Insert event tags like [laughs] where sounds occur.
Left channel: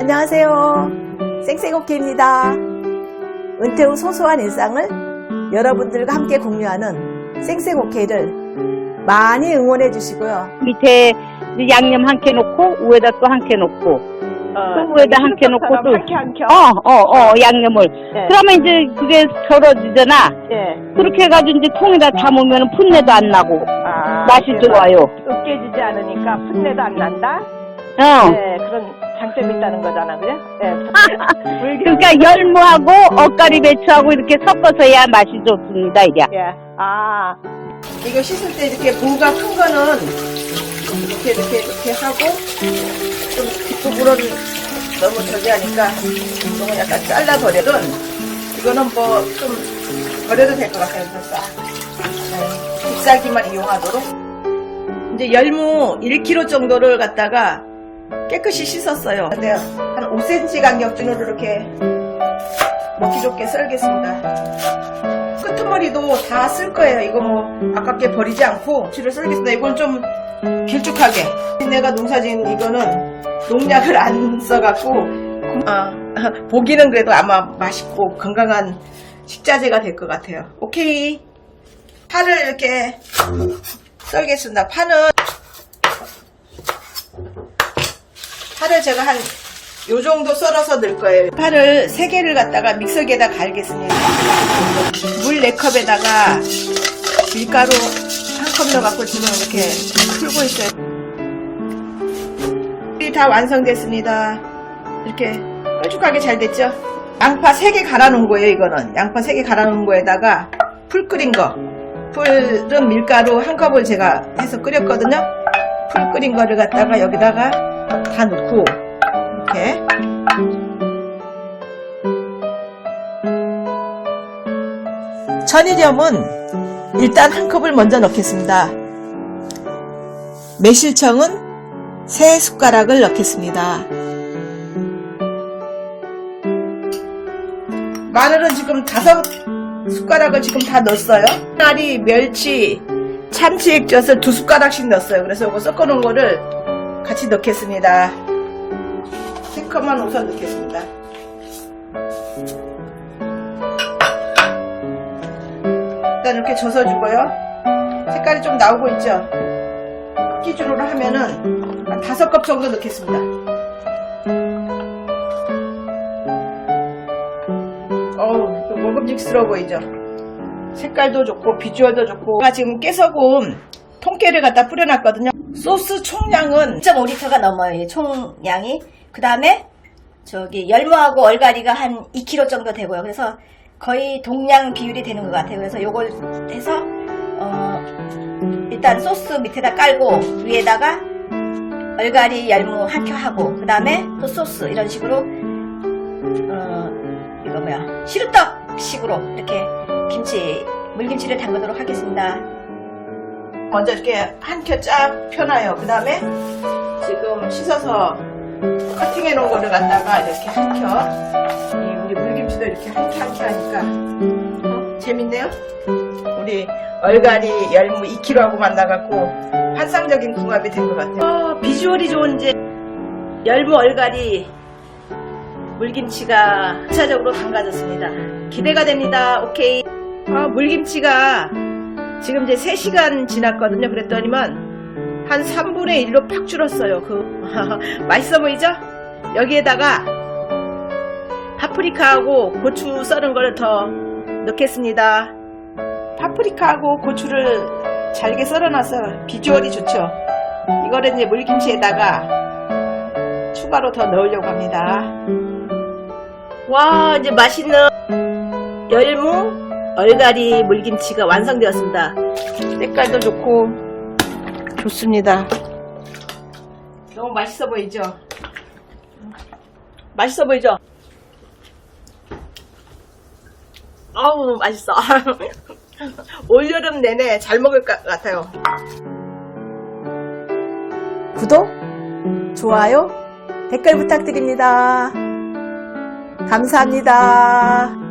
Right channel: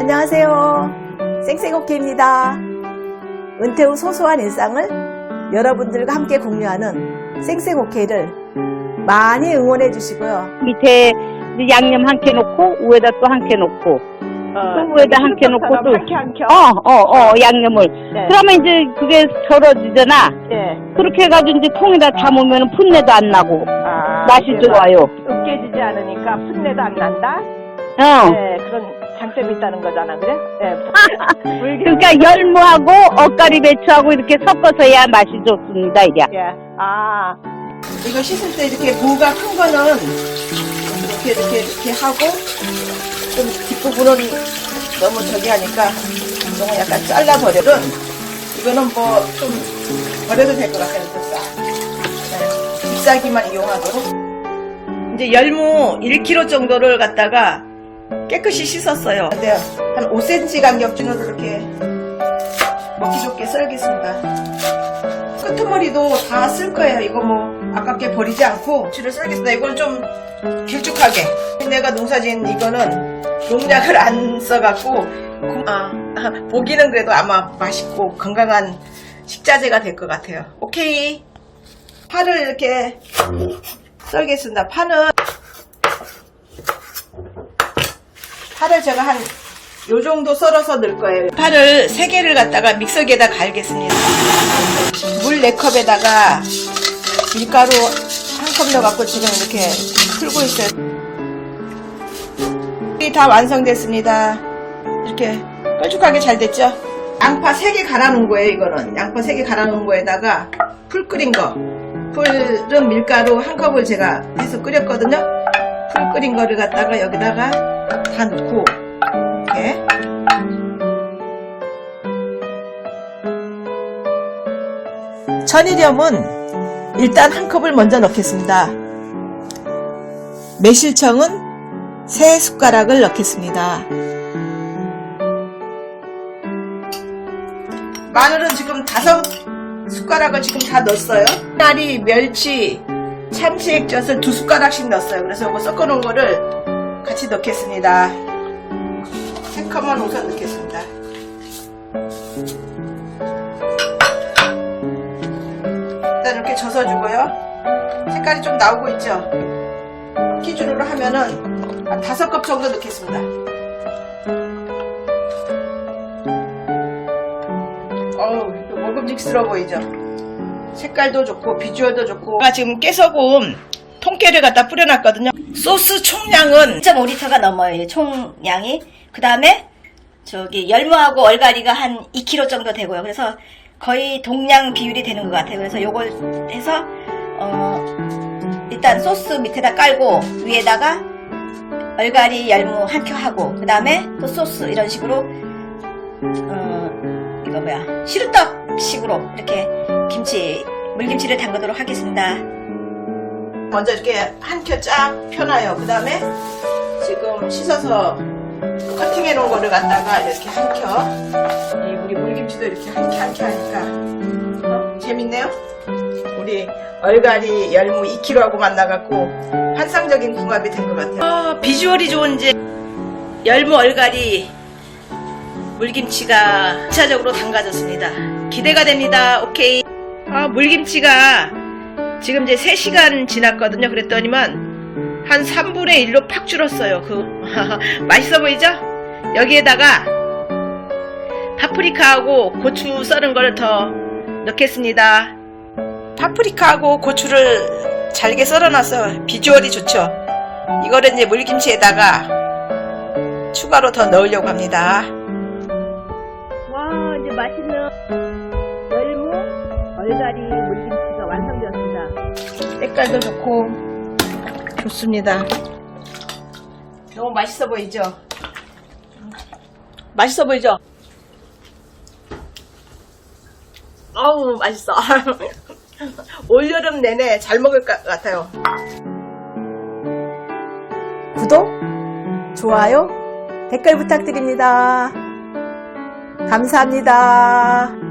안녕하세요. 쌩쌩오케입니다. 은퇴 후 소소한 일상을 여러분들과 함께 공유하는 쌩쌩오케이를 많이 응원해 주시고요. 밑에 양념 한캔 놓고 위에다 또한캔 놓고 또 위에다 한캔 놓고 또 한캔 한 캔. 어, 어, 어, 양념을. 네. 그러면 이제 그게 절어지잖아. 예. 그렇게 해가지고 이제 통에다 담으면 풋내도 안 나고 아, 맛이 이게 좋아요. 막 으깨지지 않으니까 풋내도 안 난다. 어. 네, 그런 장점이 있다는 거잖아, 그래? 예. [laughs] 그러니까 열무하고 엇가리 배추하고 이렇게 섞어서 해야 맛이 좋습니다, 이게. 예. 아, 이거 씻을 때 이렇게 무가 큰 거는 이렇게 이렇게 이렇게 하고 좀 뒷부분은 너무 저기 하니까 이건 약간 잘라버려는 이거는 뭐 좀 버려도 될 것 같아요. 그래서 싹 네, 잎사귀만 이용하도록 이제 열무 1kg 정도를 갖다가 깨끗이 씻었어요. 근데 한 5cm 간격준으로 이렇게 먹기 좋게 썰겠습니다. 끄트머리도 다 쓸 거예요. 이거 뭐 아깝게 버리지 않고 줄을 썰겠습니다. 이건 좀 길쭉하게. 내가 농사진 이거는 농약을 안 써갖고 구- 어, 보기는 그래도 아마 맛있고 건강한 식자재가 될 것 같아요. 오케이. 파를 이렇게 썰겠습니다. 파는 파를 제가 한 요 정도 썰어서 넣을 거예요. 파를 3개를 갖다가 믹서기에다 갈겠습니다. 물 4컵에다가 밀가루 한 컵 넣어갖고 지금 이렇게 풀고 있어요. 이다 완성됐습니다. 이렇게 뾰족하게 잘 됐죠? 양파 3개 갈아 놓은 거예요, 이거는. 양파 3개 갈아 놓은 거에다가 풀 끓인 거. 풀은 밀가루 한 컵을 제가 해서 끓였거든요. 풀 끓인 거를 갖다가 여기다가 다 넣고, 이렇게. 천일염은 일단 한 컵을 먼저 넣겠습니다. 매실청은 세 숟가락을 넣겠습니다. 마늘은 지금 다섯 숟가락을 지금 다 넣었어요. 나리, 멸치, 참치 액젓을 두 숟가락씩 넣었어요. 그래서 이거 섞어 놓은 거를 같이 넣겠습니다. 세 컵만 우선 넣겠습니다. 일단 이렇게 젖어주고요. 색깔이 좀 나오고 있죠? 기준으로 하면은 한 다섯 컵 정도 넣겠습니다. 어우, 먹음직스러워 보이죠? 색깔도 좋고 비주얼도 좋고 제가 지금 깨소금 통깨를 갖다 뿌려놨거든요. 소스 총량은 1.5리터가 넘어요. 이 총량이. 그 다음에 저기 열무하고 얼갈이가 한 2kg 정도 되고요. 그래서 거의 동량 비율이 되는 것 같아요. 그래서 요걸 해서 어 일단 소스 밑에다 깔고 위에다가 얼갈이 열무 한 켜 하고 그 다음에 또 소스 이런 식으로 어 이거 뭐야 시루떡식으로 이렇게 김치 물김치를 담그도록 하겠습니다. 먼저 이렇게 한 켜 쫙 펴놔요. 그 다음에 지금 씻어서 커팅해 놓은 거를 갖다가 이렇게 한 켜. 이 우리 물김치도 이렇게 한 켜 한 켜 하니까 어? 재밌네요. 우리 얼갈이 열무 2kg하고 만나갖고 환상적인 궁합이 된 것 같아요. 어, 비주얼이 좋은 이제 열무 얼갈이 물김치가 2차적으로 담가졌습니다. 기대가 됩니다. 오케이. 아, 물김치가 지금 이제 3시간 지났거든요. 그랬더니만 한 3분의 1로 팍 줄었어요. 그 [laughs] 맛있어 보이죠? 여기에다가 파프리카하고 고추 썰은 거를 더 넣겠습니다. 파프리카하고 고추를 잘게 썰어놔서 비주얼이 좋죠. 이거를 이제 물김치에다가 추가로 더 넣으려고 합니다. 와, 이제 맛있는 열무 얼갈이 물김치가 완성되었습니다. 색깔도 좋고 좋습니다. 너무 맛있어 보이죠? 맛있어 보이죠? 아우 맛있어. [laughs] 올여름 내내 잘 먹을 것 같아요. 구독, 좋아요, 댓글 부탁드립니다. 감사합니다.